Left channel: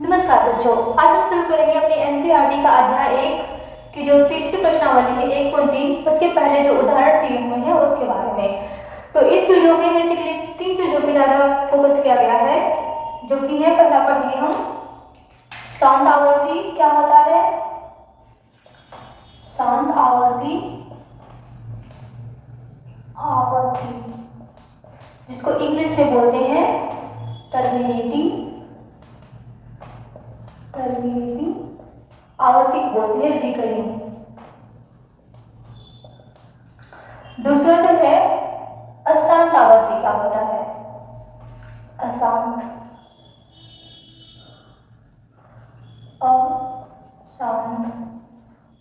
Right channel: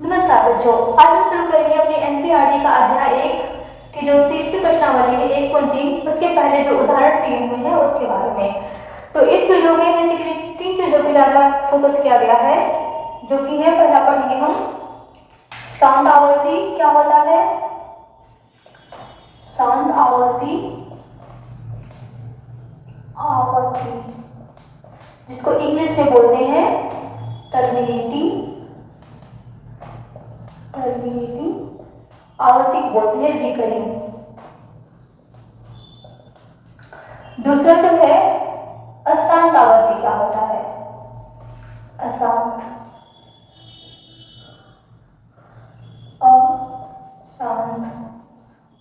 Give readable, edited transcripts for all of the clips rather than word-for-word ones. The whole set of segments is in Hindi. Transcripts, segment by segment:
नमस्कार बच्चों, आज हम शुरू करेंगे अपनी एनसीईआरटी का अध्याय 1 की जो तीसरी प्रश्नावली है 1.3 उसके पहले जो उदाहरण दिए हुए हैं उसके बारे में। तो इस वीडियो में बेसिकली तीन चीजों पे ज्यादा फोकस किया गया है, जो कि है पहला पढ़ेंगे हम शांत आवर्ती क्या होता है। शांत आवर्ती आवर्ती जिसको इंग्लिश में बोलते हैं टर्मिनेटिंग आवर्ती बोलते हैं रिकरिंग। दूसरा जो है अशांत आवर्ती क्या होता है। अशांत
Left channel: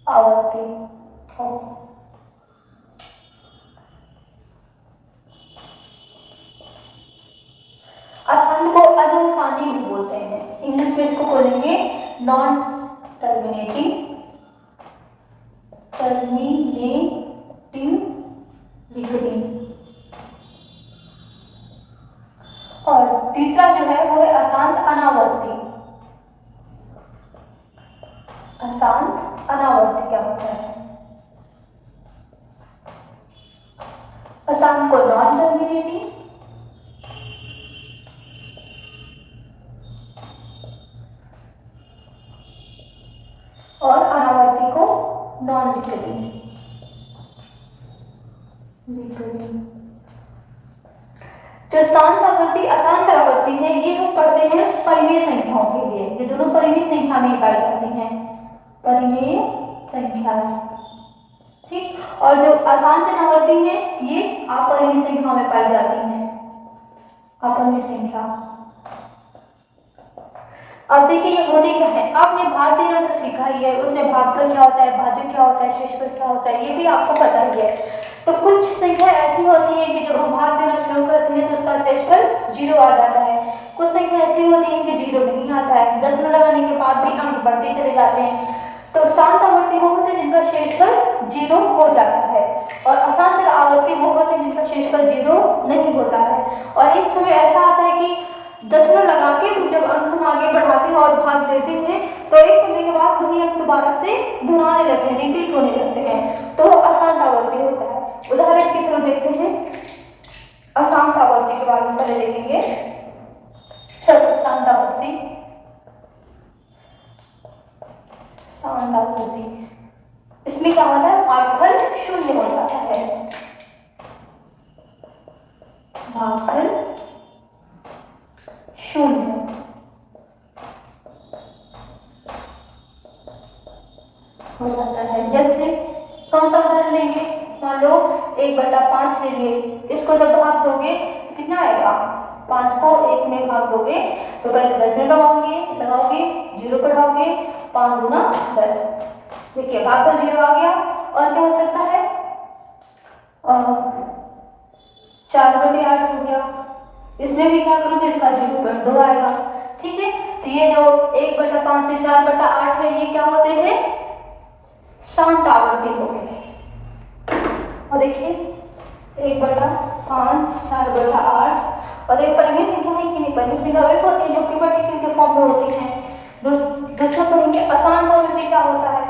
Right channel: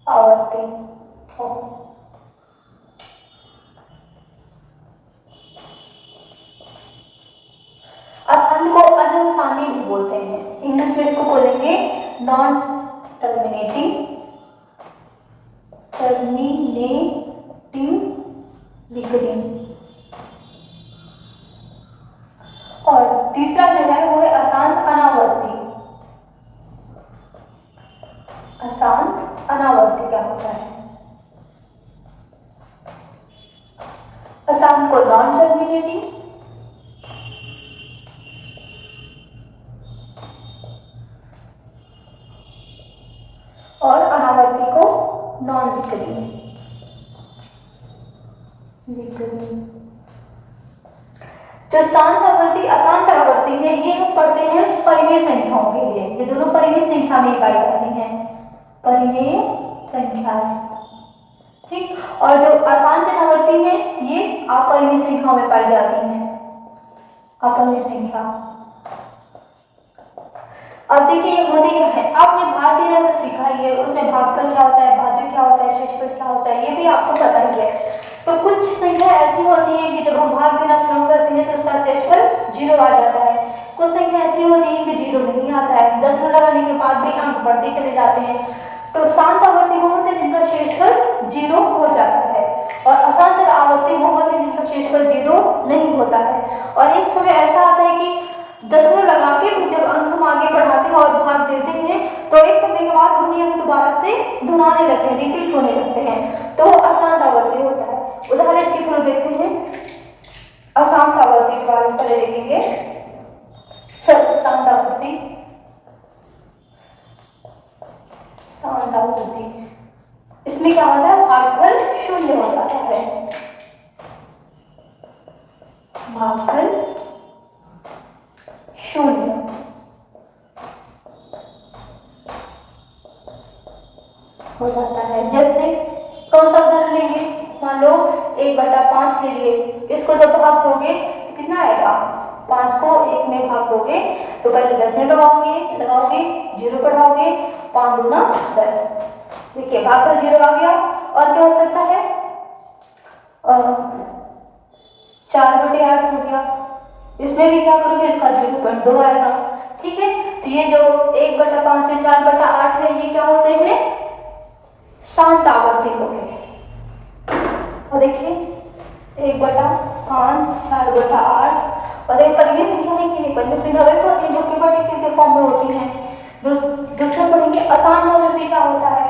आवर्ती अशांत को अननुसानी भी बोलते हैं, इंग्लिश में इसको बोलेंगे नॉन टर्मिनेटिंग रिकरिंग। और तीसरा जो है वो है अशांत अनावर्ती। अशांत अनावर्ती क्या होता है। अशांत को नॉन टर्मिनेटिंग और अनावर्ती को नॉन रिकरिंग। जो शांत आवर्ती अशांत आवर्ती है ये हम पढ़ते हैं परिमेय संख्याओं के लिए। ये दोनों परिमेय संख्या में पाई जाती हैं, परिमेय संख्याएं, ठीक। और जो अशांत आवर्ती है ये अपरिमेय संख्याओं में पाई जाती हैं, अपरिमेय संख्या। अब देखिए ये होती क्या है, आपने भाग देना तो सीखा ही है, उसमें भागफल क्या होता है, भाज्य क्या होता है, शेषफल क्या होता है, ये भी आपको पता ही है। तो कुछ संख्या ऐसी होती है कि जब हम भाग देना शुरू करते हैं तो उसका शेषफल 0 आ जाता है। कुछ संख्या ऐसी होती है कि 0 नहीं आता है, दशमलव लगाने के बाद भी अंक बढ़ते चले जाते हैं। तो शांत आवर्ती वो होते हैं जिनका शेषफल 0 हो जाता है, और अशांत आवर्ती वो होते हैं जिनका शेषफल 0 नहीं होता है। और एक समय ऐसा आता है कि दशमलव लगा के भी जब अंक हम आगे बढ़ाते हैं और भाग देते हैं तो एक समय के बाद वही अंक दोबारा से दोहराने लगते हैं, रिपीट होने लगते हैं, तो अशांत आवर्ती होता है। उदाहरण की तरह देखते हैं अशांत आवर्ती के बारे में पहले देखेंगे। शांत आवर्ती इसमें क्या होता है, भागफल 0 हो जाता है। भागफल 0 हो जाता है। जैसे कौन सा उदाहरण लेंगे, मान लो 1/5 ले लिए, इसको जब भाग दोगे तो कितना आएगा, 5 को 1 में भाग दोगे तो पहले 10 में लगाओगे 0 बढ़ाओगे, 5 दूना 10। देखिए भागफल 0 आ गया। और क्या हो सकता है, 4/8 हो गया, इसमें भी क्या करोगे, इसका 0.2 आएगा, ठीक है। तो ये जो 1/5 से 4/8 है ये क्या होते हैं, शांत आवर्ती हो गए। और देखिए 1/5 4/8 और एक परिमेय संख्या है कि नहीं, परिमेय संख्या वे होती है जो कि पार्टिकल के फॉर्म में होती हैं। दूसरा पढ़ेंगे अशांत आवर्ती क्या होता है।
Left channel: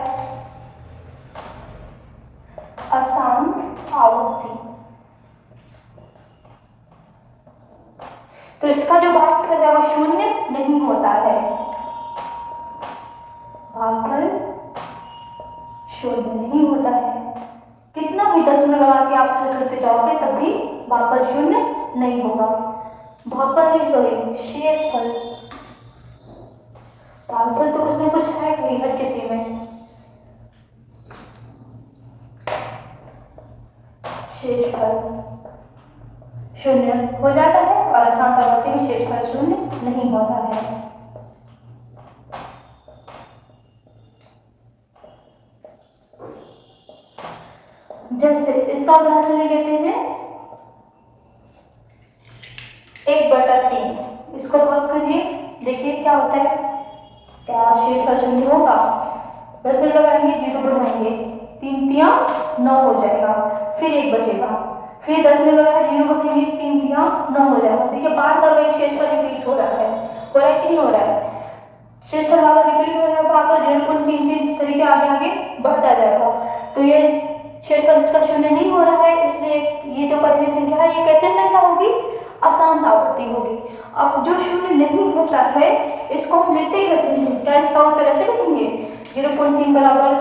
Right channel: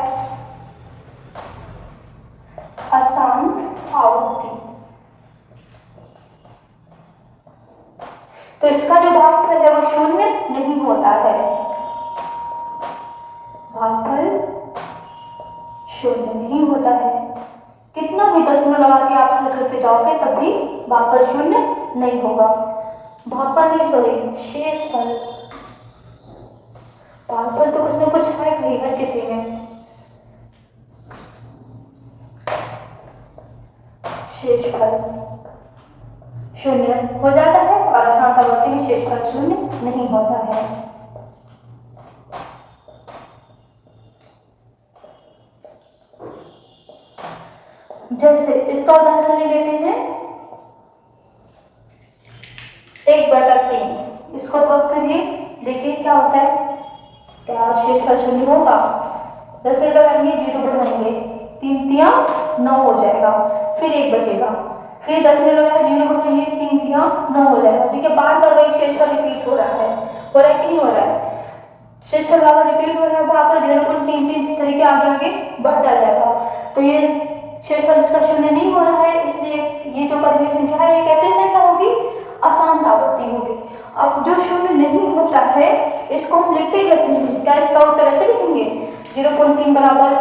अशांत आवर्ती तो इसका जो भागफल है वो 0 नहीं होता है, भागफल 0 नहीं होता है। कितना भी दशमलव लगा के आप हल करते जाओगे तब भी भागफल 0 नहीं होगा। भागफल नहीं, सॉरी, शेषफल। भागफल तो कुछ ना कुछ है ही हर किसी में। शेषफल 0 हो जाता है और अशांत आवर्ती में शेषफल 0 नहीं होता है। जैसे इसका उदाहरण ले लेते हैं 1/3, इसको भाग कीजिए, देखिए क्या होता है, क्या शेषफल 0 होगा, 10 में लगाएंगे 0 बढ़ाएंगे, 3 तिया 9 हो जाएगा, फिर 1 बचेगा, फिर 10 में लगाएंगे 0 बढ़ाएंगे, 3 तिया 9 हो जाएगा। ठीक है, बार बार वही शेषफल रिपीट हो रहा है कि नहीं हो रहा है। शेषफल बार रिपीट हो रहा है, वहां पर 0.33 इस तरीके आगे आगे बढ़ता जाएगा। तो ये शेषफल इसका शून्य नहीं हो रहा है, इसलिए ये जो परिमेय संख्या है ये कैसे संख्या होगी, अशांत आवर्ती होगी। अब जो शून्य नहीं होता है इसको हम लिखते कैसे हैं, क्या इसका उत्तर ऐसे लिखेंगे 0.3 बराबर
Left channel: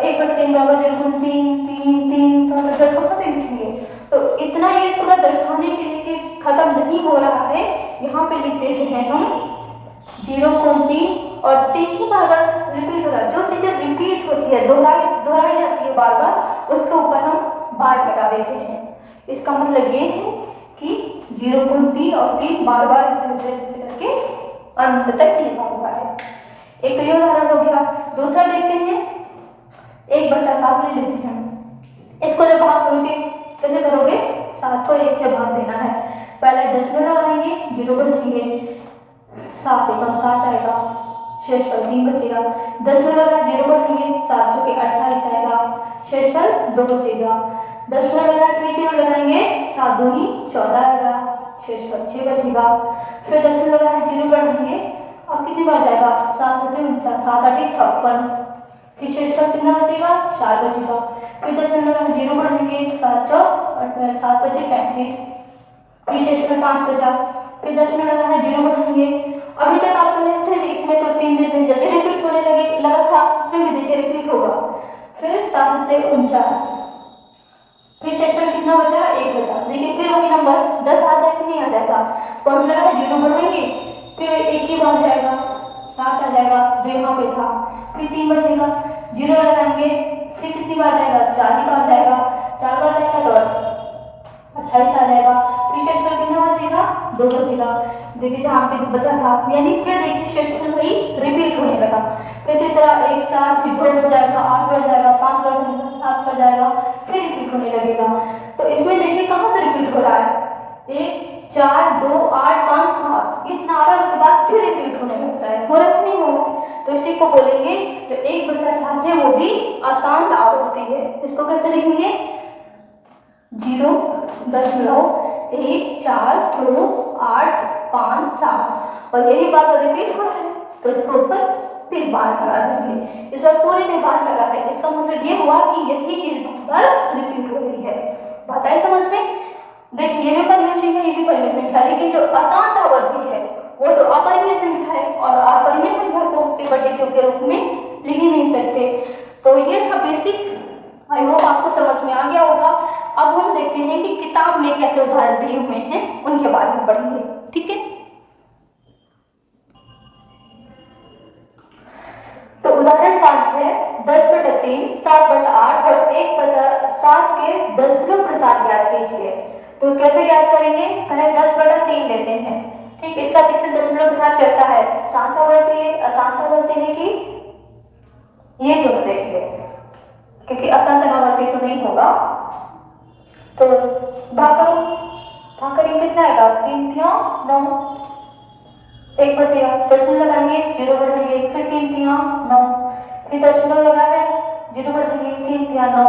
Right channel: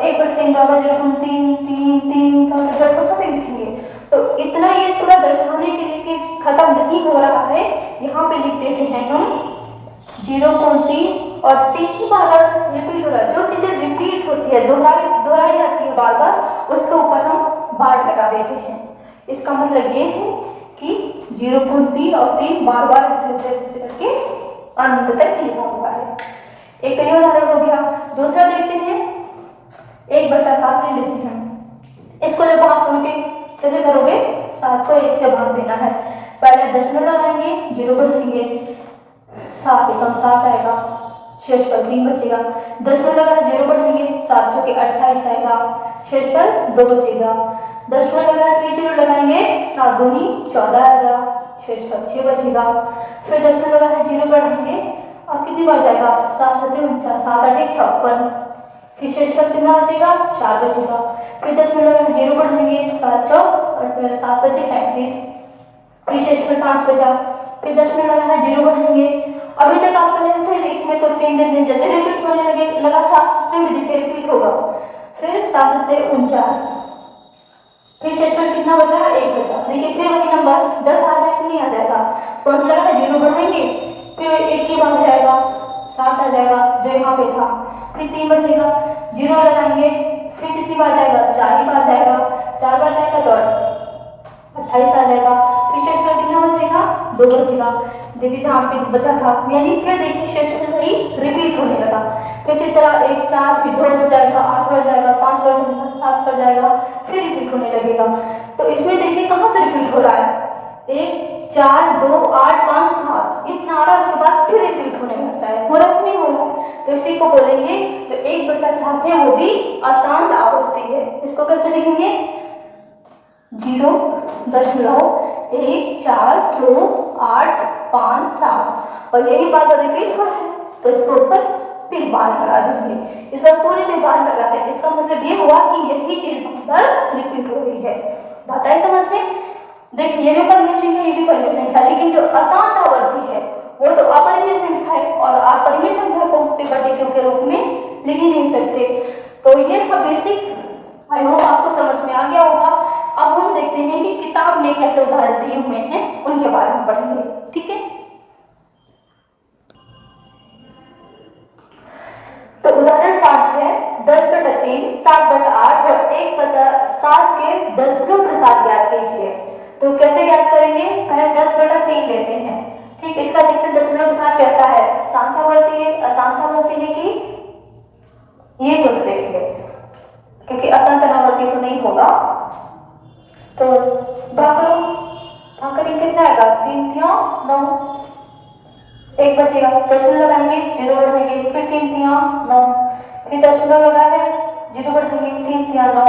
1/3 बराबर 0.333 का मतलब कहाँ पे लिखेंगे। तो इतना ये पूरा दर्शाने के लिए कि खत्म नहीं हो रहा है, यहाँ पे लिख देते हैं हम 0.3 और 3 ही बार बार रिपीट हो रहा है। जो चीजें रिपीट होती है, दोहराई जाती है बार बार, उसके ऊपर हम बार लगा देते हैं। इसका मतलब ये है कि 0.3 और 3 बार बार ऐसे करके अंत तक लिखा हुआ है। एक ये उदाहरण हो गया। दूसरा देखते हैं, 1/7 ले लेते हैं। इसको जब भाग करोगे कैसे करोगे, 7 को 1 से भाग देना है। पहले दशमलव लगाएंगे, 0 बढ़ाएंगे, 7 एकम 7 आएगा, शेषफल 3 बचेगा। दशमलव लगाए 0 बढ़ाएंगे, 7 चौके 28 आएगा, शेषफल 2 बचेगा। दशमलव लगाए फिर 0 लगाएंगे, 7 दूनी 14 आएगा, शेषफल 6 बचेगा। फिर दशमलव लगाए 0 बढ़ाएंगे, अब कितनी बार जाएगा, 7 7 49, 7 8 56, फिर शेषफल कितना बचेगा, 4 बचेगा। फिर दशमलव लगाए 0 बढ़ाएंगे, 7 चौक 7 बचे 35, फिर शेषफल 5 बचा। फिर दशमलव लगाए 0 बढ़ाएंगे, अभी तक आप कर रहे थे इसमें तो 3 दिन जल्दी रिपीट होने लगा था, इसमें भी देखिए रिपीट होगा। फिर 7 7 49, फिर शेषफल कितना बचा, 1 बचा। देखिए फिर वही नंबर 10 आ जाएगा, नहीं आ जाएगा, पॉइंट लगा है 0 बढ़ाएंगे, फिर 1 की बार जाएगा, 7 आ जाएगा जो यहाँ पे था। फिर 3 बचेगा, 0 लगाएंगे, फिर कितनी बार जाएगा, 4 ही बार जाएगा, 4 बार जाएगा तो 28 आ जाएगा। फिर शेषफल कितना बचेगा, 2 बचेगा। देखिए जहाँ पे बचा था, यानी फिर देखिए शेषफल वही रिपीट होने लगा। फिर इसी तरह 1 4 फिर 2 बढ़ जाएगा, 8 बढ़ जाएगा, 5 बढ़ जाएगा, 7 बढ़ जाएगा, फिर रिपीट होने लगेगा। तो इसमें देखिए कहाँ से रिपीट हो रहा है, 1 4 2 8 5 7 इतना आ रहा है, उसके बाद फिर रिपीट होने लगता है, हो रहा नहीं हो रहा है। तो इसी को बोलेंगे जो 1/7 है वो भी अशांत आवर्ती है। इसको कैसे लिखेंगे, 0.14285 और यही बात रिपीट हो रहा है, तो इसके ऊपर फिर बार लगा देंगे। इस बार पूरे में बार लगा है, इसका मतलब ये हुआ कि यही चीज बार रिपीट हो रही है। बात आई समझ में। देखिए ये भी परिमेय संख्या, ये भी परिमेय संख्या, लेकिन जो अशांत आवर्ती है वो तो अपरिमेय संख्या है, और अपरिमेय संख्या को q के रूप में लिख ही नहीं सकते। तो ये था बेसिक, आई होप आपको समझ में आ गया होगा। अब हम देखते हैं कि किताब में कैसे उदाहरण दिए हुए हैं, उनके बारे में पढ़ेंगे, ठीक है। तो उदाहरण 5 है, 10/3 7/8 और 1/7 के दशमलव प्रसाद ज्ञात कीजिए। तो कैसे ज्ञात करेंगे, पहले 10/3 लेते हैं, ठीक। इसका देखते दशमलव प्रसाद कैसा है, शांत आवर्ती है, अशांत आवर्ती है, कि ये दोनों देखेंगे, क्योंकि अशांत आवर्ती तो नहीं होगा। तो भाग करो, भाग करेंगे कितना आएगा, 3 3 9, 1 बचेगा। दशमलव लगाएंगे, 0 बढ़ाएंगे, फिर 3 3 9, फिर दशमलव लगा है, 0 बढ़ाएंगे, 3 3 9।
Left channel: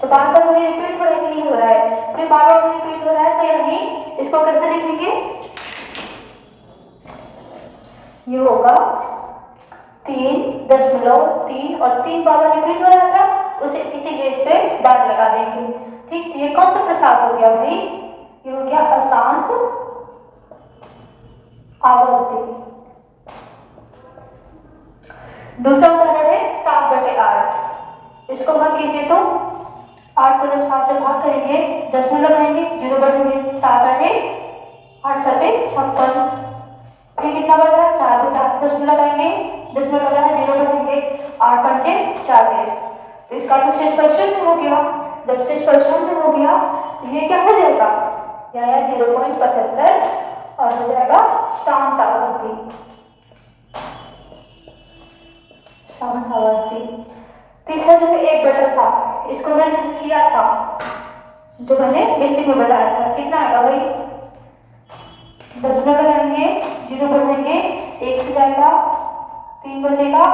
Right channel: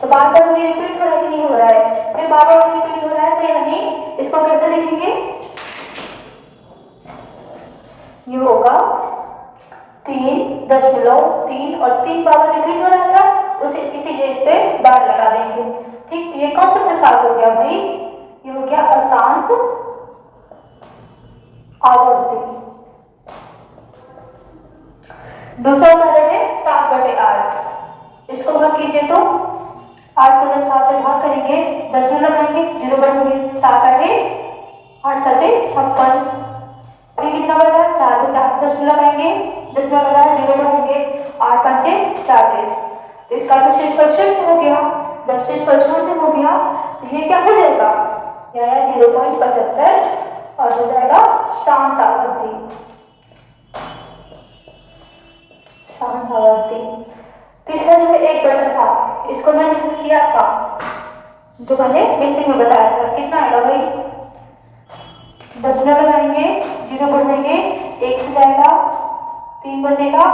तो बार बार वही रिपीट हो रहा है कि नहीं हो रहा है, फिर बार बार रिपीट हो रहा है, तो यानी इसको कैसे लिखेंगे, ये होगा 3.3 और 3 बार बार रिपीट हो रहा था, उसे इसी जगह पे बार लगा देंगे, ठीक। ये कौन सा प्रसाद हो गया भाई, ये हो गया अशांत आवर्ती। दूसरा उदाहरण है 7/8, इसको भाग कीजिए तो 8 को जब 7 से भाग करेंगे, दशमलव लगाएंगे, 0 बढ़ेंगे, 7 8 8 7 56, फिर कितना बचा, 4 बचा। दशमलव लगाएंगे, दशमलव लगाया, 0 बढ़ेंगे, 8 5 40। तो इसका तो शेषफल 0 हो गया। जब शेषफल 0 हो गया तो ये क्या हो जाएगा, यह 0.75 और हो जाएगा शांत आवर्ती, शांत आवर्ती। तीसरा जो है 1/7, इसको मैंने किया था, जो मैंने बेसिक में बताया था, कितना आएगा भाई, दशमलव लगाएंगे, 0 बढ़ाएंगे, 1 से जाएगा, 3 बचेगा,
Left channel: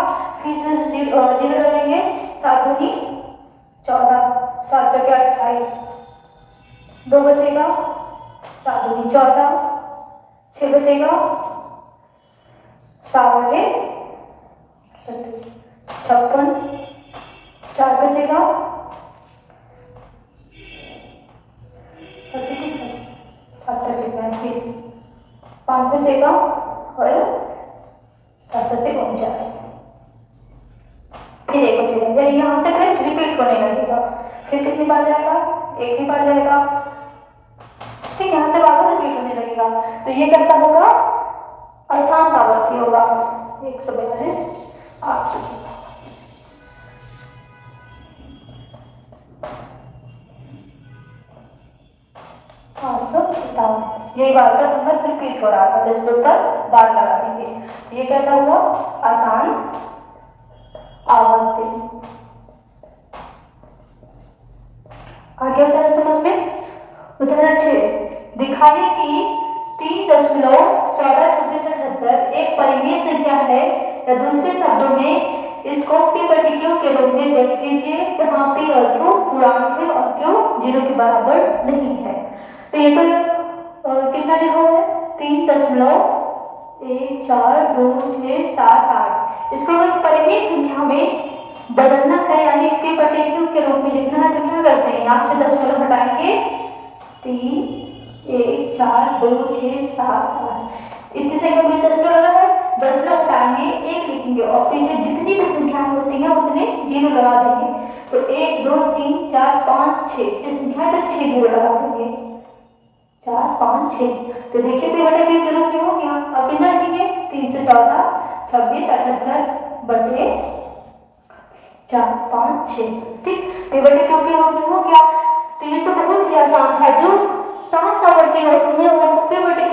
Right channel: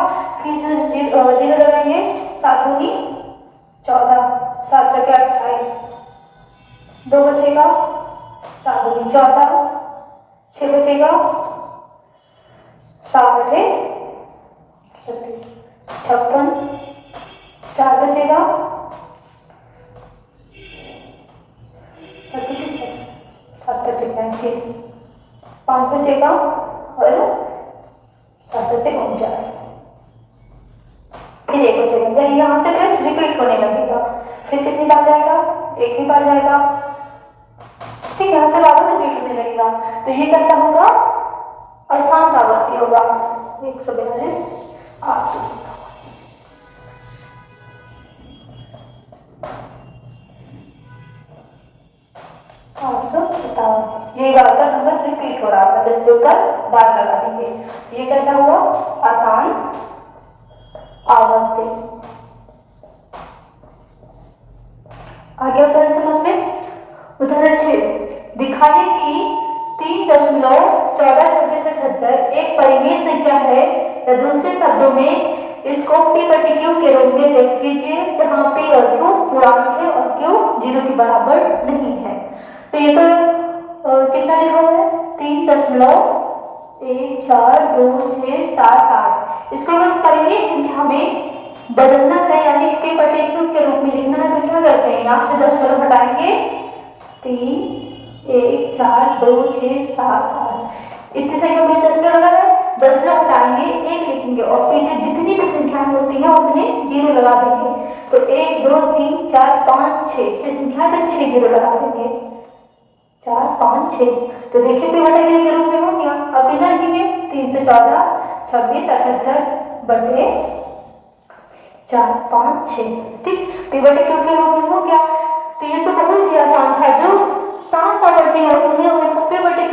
फिर 0 लगाएंगे, 7 दूनी 14, 7 चौके 28, 2 बचेगा, 7 दूनी 14, 6 बचेगा, 56, 4 बचेगा 5 बचेगा और 49, फिर 1 बचेगा, यानी यहाँ से फिर रिपीट होने लगेगा। फिर कितनी बार जाएगा? एक ही बार जाएगा, ठीक, यहाँ से बार बार रिपीट होने लगेगा। तो ये कैसा होगा? अशांत आवृत्ति होगा। 142, 857, 857, ये बार का नंबर रिपीट हो रहा था, तो इसके ऊपर बार लगा देंगे। तो ये कैसा हुआ? अशांत आवर्ती। आगे उदाहरण समझ में। उदाहरण 6, दिखाइए कि 3.142678 एक परिमेय संख्या है, या दूसरे शब्दों में इसको P बटे Q के रूप में व्यक्त कीजिए, जहां P और Q पूर्णांक है और Q 0 के बराबर नहीं है। तो ये तो कितना लिखा हुआ है? 3.142678। इसको अगर परिमेय संख्या में बदलना है, यानी P बटे Q के रूप में लिखना है, तो क्या करते हैं? यहाँ से 10 हटाएंगे, 3, 1, 4, 2, 6, 7, 8, इतनी संख्या में 10 लगा है, 10 हटाएंगे, 1 लिखेंगे और पीछे जितनी भी संख्याएं होती हैं उतने 0 लगा देंगे। तो 1, 2, 3, 4, 5, 6 संख्याएं, तो 6 0 लगा देंगे, 4, 5, 6। तो देखिए P बटे Q के रूप में हो गया। अब कितना लिखेंगे? 3 से 14, 26, 78 बटे 4, 5, 6, ठीक, P बटे Q के रूप में हो गया। तो ये तो बहुत ही आसान था। जो शांत आवर्ती होती है उनको P बटे Q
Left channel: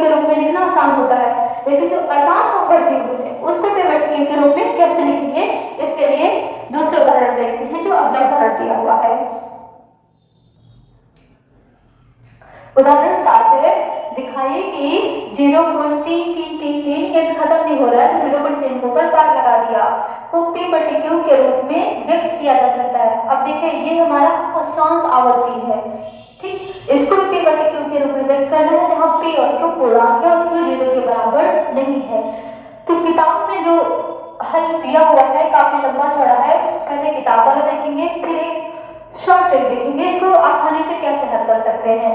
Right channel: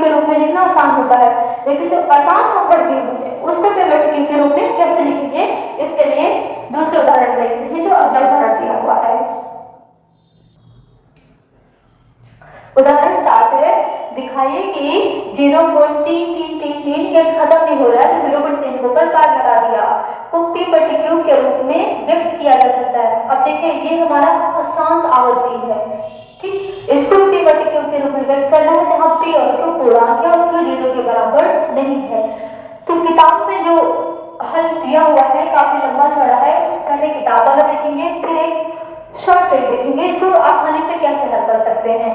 के रूप में लिखना आसान होता है, लेकिन जो अशांत आवर्ती होते हैं उसको P बटे Q के रूप में कैसे लिखेंगे, इसके लिए दूसरे उदाहरण देखते हैं, जो अगला उदाहरण दिया हुआ है। उदाहरण 7 है, दिखाइए कि 0.3333 यदि खत्म नहीं हो रहा है तो 0.3 के ऊपर बार लगा दिया, को P बटे Q के रूप में व्यक्त किया जा सकता है। अब देखिए ये हमारा अशांत आवर्ती है, ठीक, इसको P बटे Q के रूप में व्यक्त करना है, जहां P और Q पूर्णांक है और Q 0 के बराबर नहीं है। तो किताब में जो हल दिया हुआ है काफी लंबा चौड़ा है, पहले किताब वाला देखेंगे, फिर एक शॉर्ट ट्रिक देखेंगे, इसको आसानी से कैसे हल कर सकते हैं।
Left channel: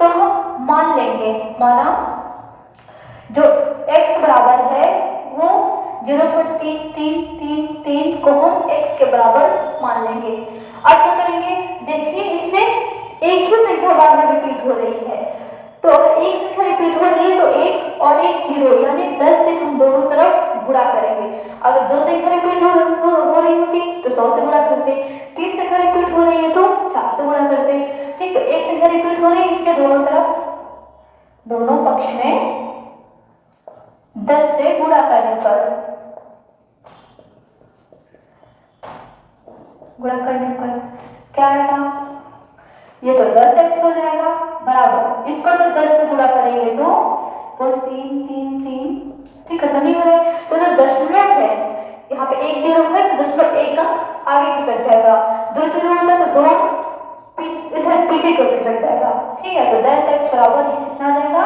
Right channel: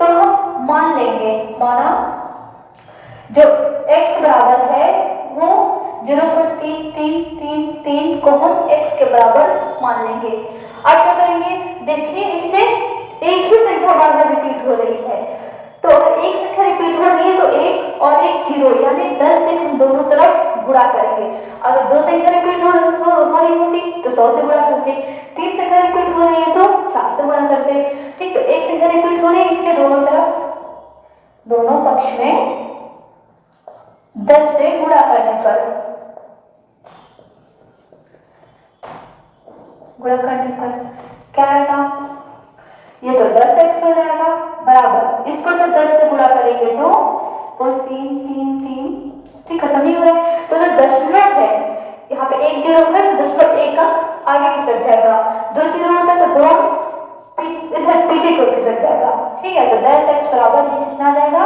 तो हम मान लेंगे, माना जो x बराबर है वो 0.3333 को हम x के बराबर मान लेंगे। अब क्या करेंगे? देखिए इसमें एक ही संख्या बार बार रिपीट हो रही है, तो अगर एक संख्या रिपीट हो रही है तो एक और एक 0, यानी 10 से हम दोनों तरफ गुणा करेंगे। अगर 2 संख्या रिपीट हो रही होती तो 100 से गुणा करते, 3 संख्या रिपीट हो रही है तो 4 से गुणा करते, ठीक। तो एक संख्या रिपीट हो रही है, इसके दोनों तरफ, दोनों पक्ष में 10 से गुणा करने पर क्या आएगा? ये तो 10x हो जाएगा, बराबर इसको तो 10 से गुणा करेंगे तो 3 3 3, ठीक, खत्म नहीं हो रहा है। तो जो दशमलव है, यहाँ पे 1 0 है तो दशमलव 1 अंक आगे खिसक जाएगा, 2 0 होता है तो 2 इधर पीछे की ओर खिसक जाएगा, ठीक है। तो 10x बराबर कितना आ जाएगा?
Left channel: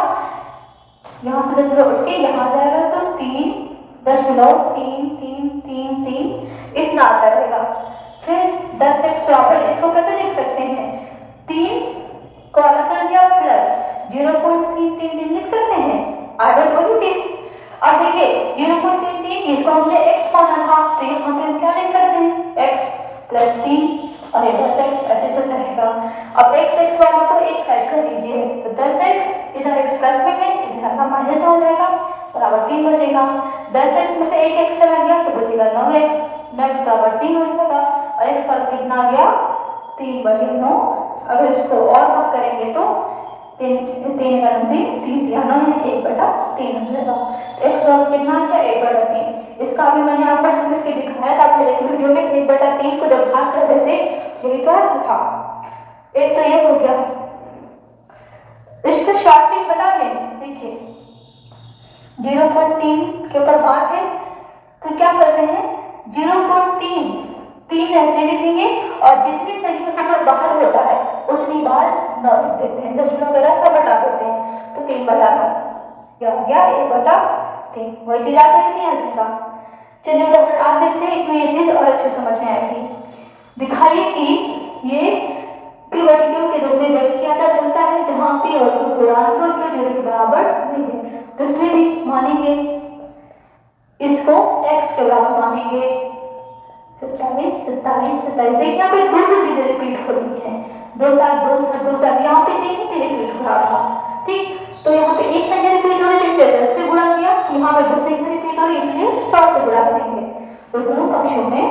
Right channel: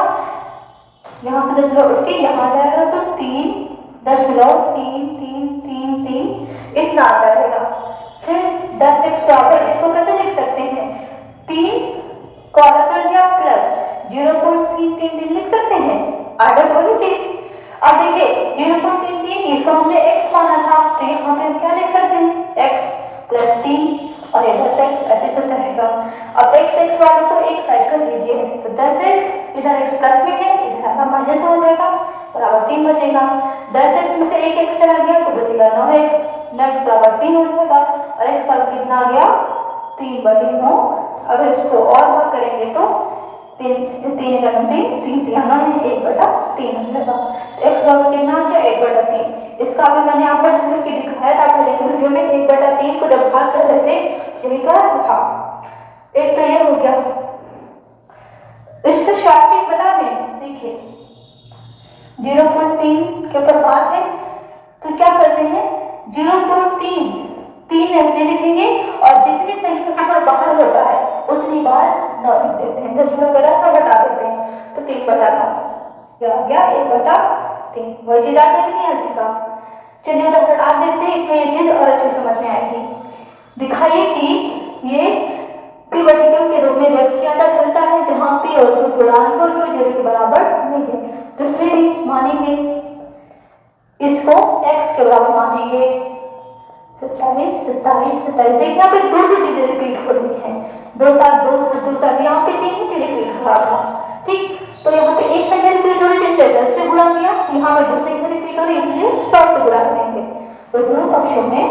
यहाँ से दशमलव उठ के यहाँ जाएगा तो 3.3333 इतना आता रहेगा। फिर 10x बराबर, इसको कैसे लिख सकते हैं? 3 को अलग कर दिया प्लस 0.333 लिख सकते हैं, आगे वही चीज। अब देखिए 0.33 इसको हमने x माना था, तो यहाँ पे हम क्या लिख सकते हैं? x प्लस 3 और ये 10x ऐसे चलता रहेगा। अब x वालों को एक साइड कर लीजिए, तो 10x इधर x प्लस में है, इधर आपका माइनस हो जाएगा, बराबर 3 बचेगा। 10x में से एक x चला गया तो बचेगा 9x, 9x बराबर 3 हो जाएगा, और x बराबर कितना आ गया? 3/9। अगर इसको और भाग करेंगे तो 3 3 का 3 3 3 9 1/3 हो जाएगा। तो x बराबर कितना आ गया? 1/3। इसका अभी मैंने आपको करके दिखाया था पहले की वीडियो में, 1/3 को जब भाग कर रहे थे यही तो था। एक तो ये हो गया, इसका शॉर्टकट बता दें। देखिए 0.3 के ऊपर भाग है तो क्या करते हैं? 0.3 ऐसे लिखेंगे और जितनी संख्या के ऊपर बाहर होता है उतनी बार 9 लिख देते हैं, दशमलव वगैरह सब हटा देते हैं, तो 3/9 क्या आ गया? 1/3। 3। वही चीज आप देख नहीं आ सकता। चलिए उदाहरण आप देखते हैं, इसमें ये चीज और अच्छे समझ में आएगी। दिखाइए कि ये p वर्टिकल के रूप में व्यक्त किया जा सकता है जहां p और q पूर्णांक और q 0 के बराबर नहीं है। तो इसमें भी मानेंगे, इसको x के बराबर मानेंगे। 27 27 27। देखिए यहाँ पे दो चीजें रिपीट हो रही हैं, 2 7 2 7 2 7। यहाँ पे 3 ही रिपीट हो रहा था, ठीक। तो यहाँ पे एक संख्या रिपीट हो रही थी, इसे 10 से गुणा किया। यहाँ पे 2 संख्या रिपीट हो रही है, इसलिए 100 से गुणा करेंगे। तो दोनों पक्षों में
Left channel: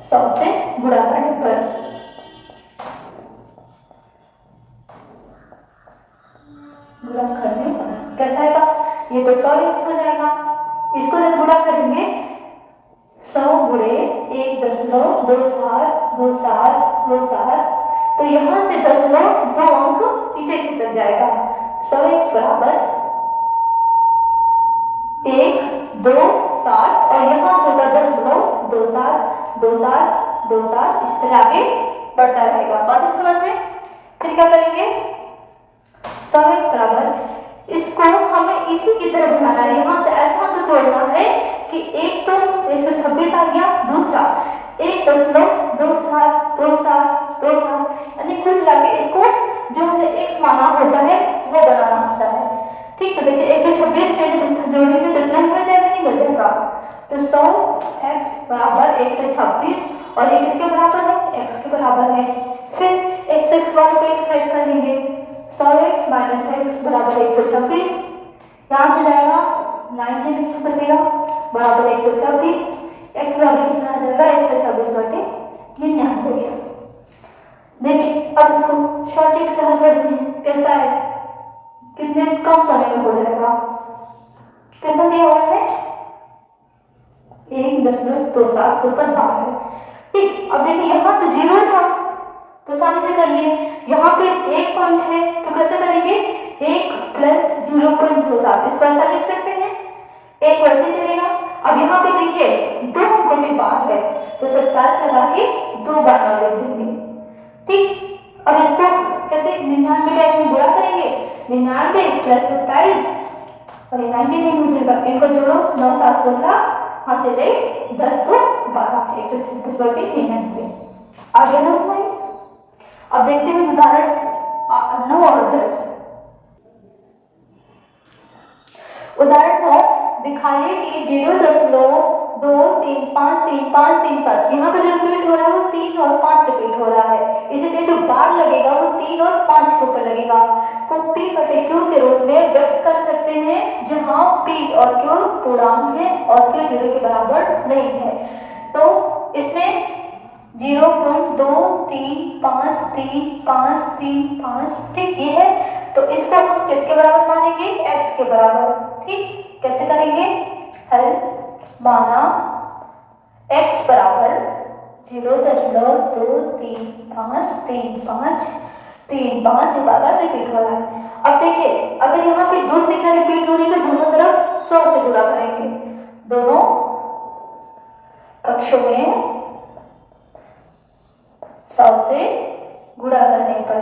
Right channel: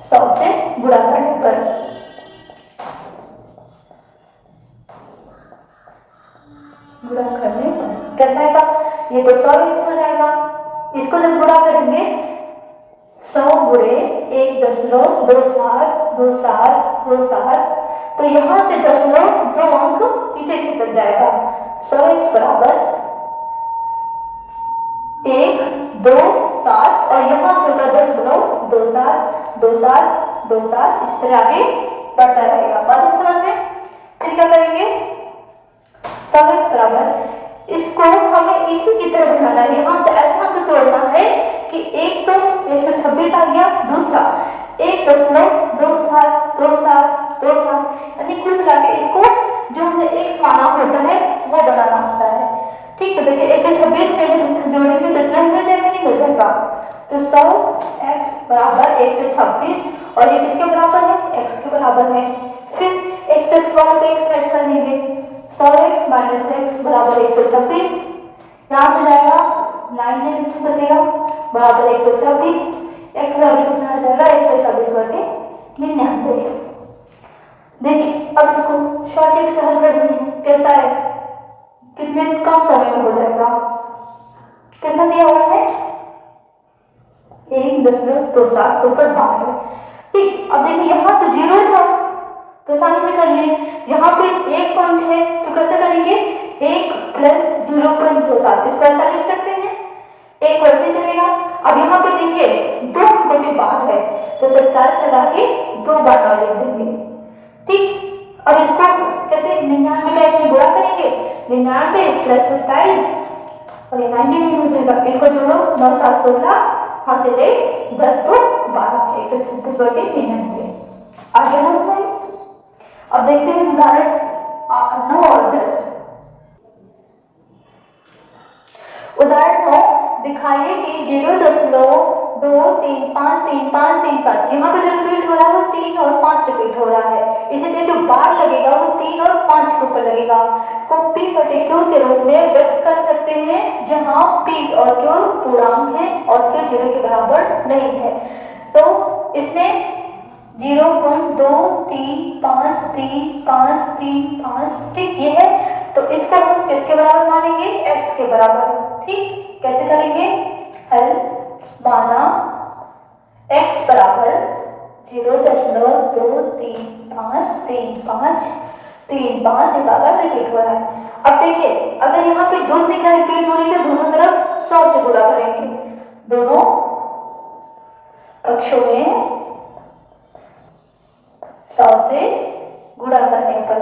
100 से गुणा करने पर कैसा आएगा, ये तो 100 हो जाएगा। इसको जब गुणा करेंगे 100 गुणे 1.272727, तो यहां से 2 अंक पीछे खिसक जाएगा। 100x बराबर 1 2 7 और यहाँ से होगा 10.272727, इस तरह आगे बढ़ता रहेगा। बात समझ में? फिर क्या करेंगे, 100x बराबर, इसको हमें इसी की तरह बनाना है। यहाँ से ऐसा अंक तोड़ना है कि एक तो 126 आ गया, दूसरा 1.272727, यानी कुल मिला के इसको जो हमने x माना होता है वो बनाना होता है, ठीक। तो देखिए 126 पे जोड़ेंगे तो इतना ही मिल जाएगा, नहीं मिल जाएगा। तो 100x बराबर 126 और ये किसके बराबर है, x के बराबर है। फिर x वाले को एक साइड कर लेंगे, 100x माइनस x बराबर 126, यहाँ से जाएगा 9 बचेगा बराबर 126। x बराबर कितना आ जाएगा, 126 बटे 99। देखिए अब इसको शॉर्ट ट्रिक से हल करते हैं, कैसा है, कितने कम समय में हो जाएगा। कितना दिया हुआ है, 1.27 के ऊपर बात है, ठीक। अब देखिए यहाँ तो 0 था तो आसानी से कर लिए, यहाँ पे 1 पॉइंट है तो कैसे करेंगे, 1 प्लस 0.27, इसको ऐसा लिख सकते हैं, 1 वैसे चलेगा। अब यहाँ पे देखिए 2 अंकों के बाद है तो 27 लगा के 2 बार और लिख देंगे, ठीक। अब इसको कैसे 99 टाइप में गुणा करेंगे, 99 प्लस 27 और ये 99 हो जाएगा। इनको जोड़ो, 9 7 16, यहाँ से ले 10 2 12, 136 बटे 99। आगे बढ़ते हैं, अब देखते हैं उदाहरण 9 और 10। उदाहरण 9, दिखाइए कि 0.2353535, यहाँ पे जो रिपीट हो रहा है वो 3 और 5 रिपीट हो रहा है, इसलिए जो बार लगेगा वो 3 और 5 के ऊपर लगेगा। को p बटे q के रूप में व्यक्त कर सकते हैं जहां p और q पूर्णांक है और q 0 के बराबर नहीं है। तो इसमें 0.2353535, ठीक ये है। तो इसको हम किसके बराबर मानेंगे, x के बराबर, ठीक। कैसे करेंगे, हल माना x बराबर 0.23535 से बार रिपीट हो रहा है। अब देखिए अगर यहाँ पे 2 संख्या रिपीट हो रही है तो दोनों तरफ 100 से गुणा करेंगे, दोनों पक्षों में 100 से गुणा करने पर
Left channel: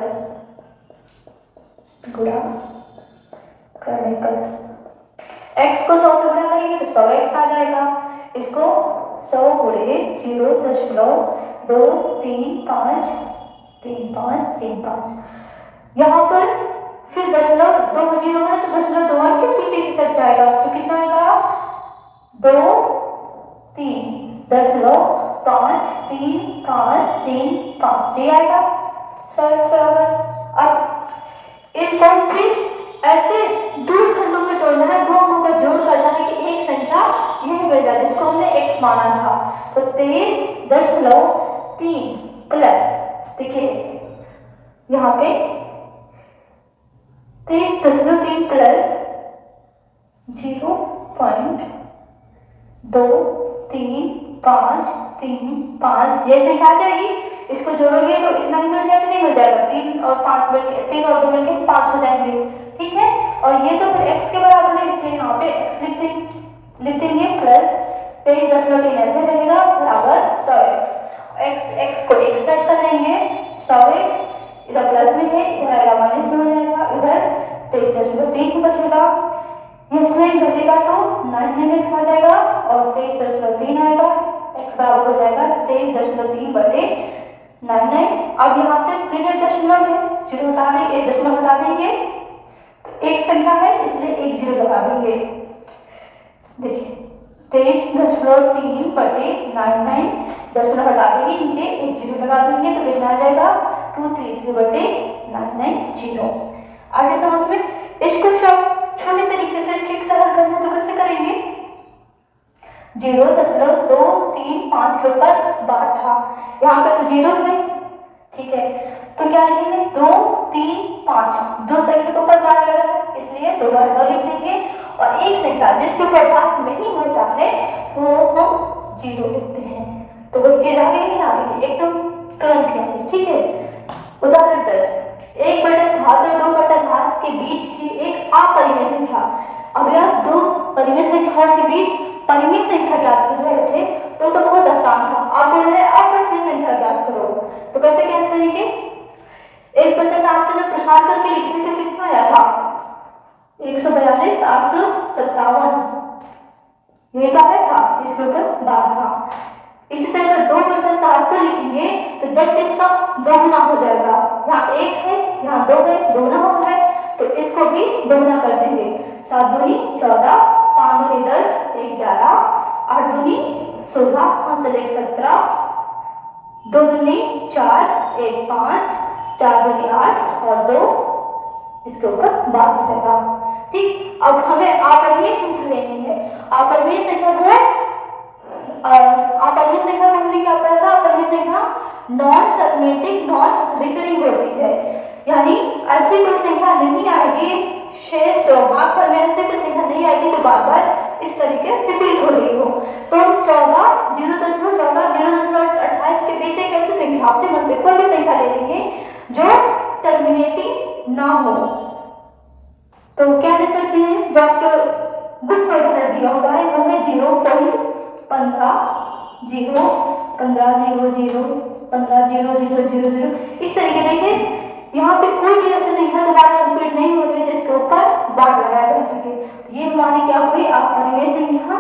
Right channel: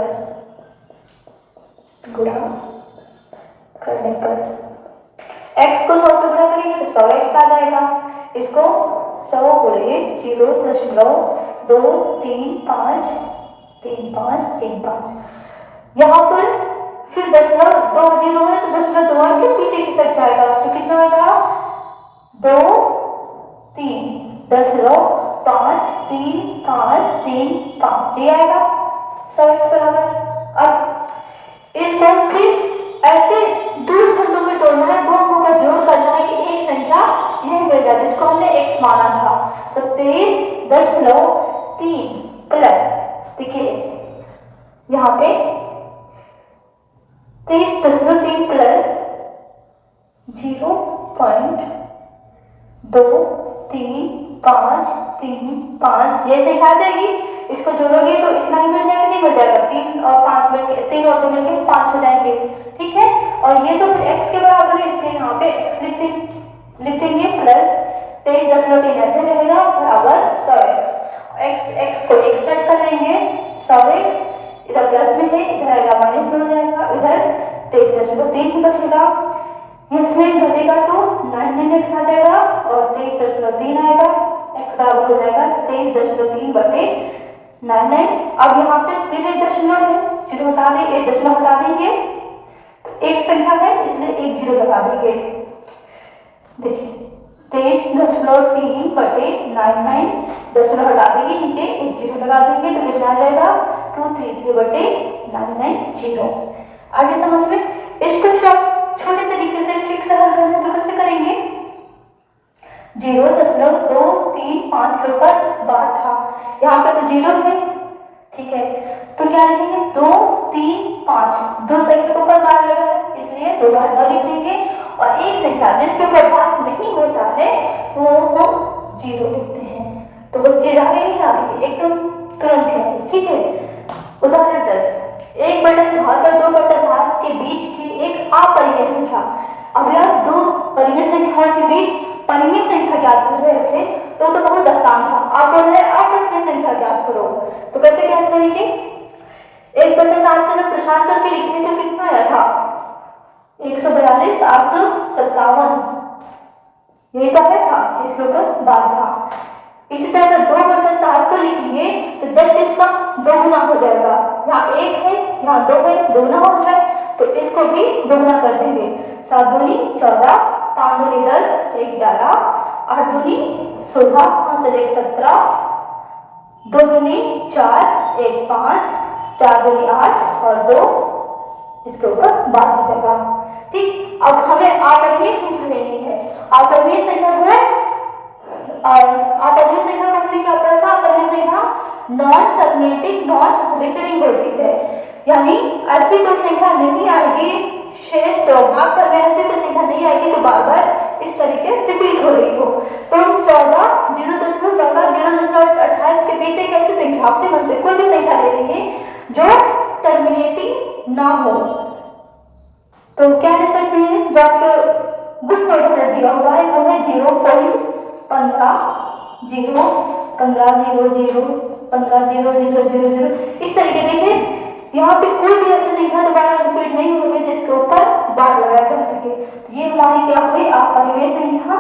x को 100 से गुणा करेंगे तो 100x आ जाएगा। इसको 100 गुणे 0.2353535, यहाँ पर फिर 0.2 है तो 0.2 के पीछे खिसक जाएगा तो कितना आएगा, 2 3 0.53535, ये आएगा 100x बराबर। अब इसको फिर ऐसे 2 खंडों में तोड़ना है, 2 अंकों का जोड़ करना है कि एक संख्या यही मिल जाए जिसको हमने x माना था। तो 23.3 प्लस, देखिए यहाँ पे 23.3 प्लस 0.23535, ये संख्या आ जाएगी। इसको जोड़ोगे तो इतना ही मिल जाएगा, नहीं मिल जाएगा, 3 और 5 मिलके 3 और 2 मिलके 5 हो जाएंगे, ठीक है। और ये तो फिर x के बराबर है इसलिए यहाँ पे x लिख देंगे प्लस 23.3 ऐसे रहेगा बराबर 100x। x को एक साइड कर लेंगे, 100x इधर प्लस में है, इधर आएगा माइनस में हो जाएगा, इधर 23.3 बचेगा, इसमें घटेगा तो 99x आ जाएगा और 23.3 आएगा, x बराबर हो जाएगा 23.3 बटे 99। अब यहाँ से फिर एक दशमलव है, जीरो हटा देंगे, एक दशमलव हटा देंगे, एक संख्या है इसलिए एक जीरो लगा देंगे। देखिए 23.3 बटे 99, दशमलव हटा देंगे, नीचे एक जीरो लगा देंगे तो कितना आ जाएगा 233 बटे 99 जीरो। आगे समझ में इसको छोटे तरीके से ट्रिक से हल करना तो कैसे करेंगे, 0.235 होकर बार था, यहाँ पे तो जीरो है, ठीक है, तो क्या लिखेंगे 2 3 5, दो संख्या के ऊपर बार लगा है इसलिए दो बार न लिख देंगे, और एक संख्या जिसके ऊपर बार नहीं होता है वो हम जीरो लिखते हैं, तो वो चीज आगे नहीं आ रही एकदम तुरंत ही आ रही, ठीक है। उदाहरण 10, 1/7 और 2/7 के बीच की एक अपरिमेय संख्या। अभी आप दो परिमेय संख्याओं के बीच परिमेय संख्या ज्ञात कर रहे थे तो बहुत आसान था, आप बोल रहे अपरिमेय संख्या ज्ञात करो, तो कैसे ज्ञात करेंगे, 1/7 का जब प्रसार करके लिखे तो कितना आया था 142 857, ये तो आया था, इसके ऊपर बार था। इसी तरह अगर 2/7 को लिखेंगे तो जस्ट इसका दोगुना हो जाएगा, यहाँ एक है यहाँ दो है, दोगुना हो रहा है तो इसको भी दोगुना कर देंगे, 7 दूनी 14, 5 दूनी 10, 1 11, 8 दूनी 16, 5 से 1 17, 2 दूनी 4, 1 5, 4 दूनी 8 और 2 इसके ऊपर बार हो जाएगा, ठीक। अब हमें अपरिमेय संख्या लेनी है, अपरिमेय संख्या है, अपरिमेय संख्या को हमने क्या पढ़ा था, अपरिमेय संख्या नॉन टर्मिनेटिंग नॉन रिकरिंग होती है, यानी ऐसी कोई संख्या नहीं आएगी शेष भाग पर में ऐसी कोई संख्या नहीं आएगी तो बार बार इस तरीके रिपीट हो रही हो। तो 14 0.14 0.28 के बीच एक ऐसी संख्या अपने मन से कोई भी संख्या ले लेंगे जो टर्मिनेटिंग ना हो, तो क्या ले सकते हैं, जो आपको बुक में उदाहरण दिया हुआ है वो है 0.15 0 15 0 0 15 0 0 0 0, इस तरीके देखिए यहाँ पे कोई भी ऐसी संख्या दोबारा रिपीट नहीं हो रही जिसके ऊपर बार लगाया जा सके, ये हमारी क्या हुई अपरिमेय संख्या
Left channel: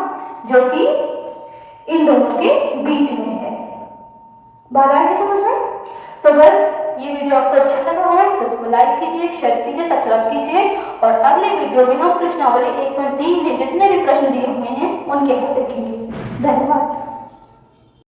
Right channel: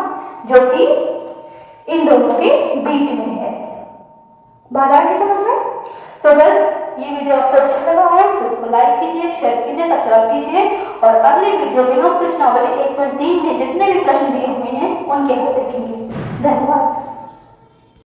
जो कि इन दोनों के बीच में है। बात आ गई समझ में? तो अगर ये वीडियो आपको अच्छा लगा हो तो इसको लाइक कीजिए, शेयर कीजिए, सब्सक्राइब कीजिए, और अगले वीडियो में हम प्रश्नावली 1 और 3 में जितने भी प्रश्न दिए हुए हैं उनके हल देखेंगे। धन्यवाद।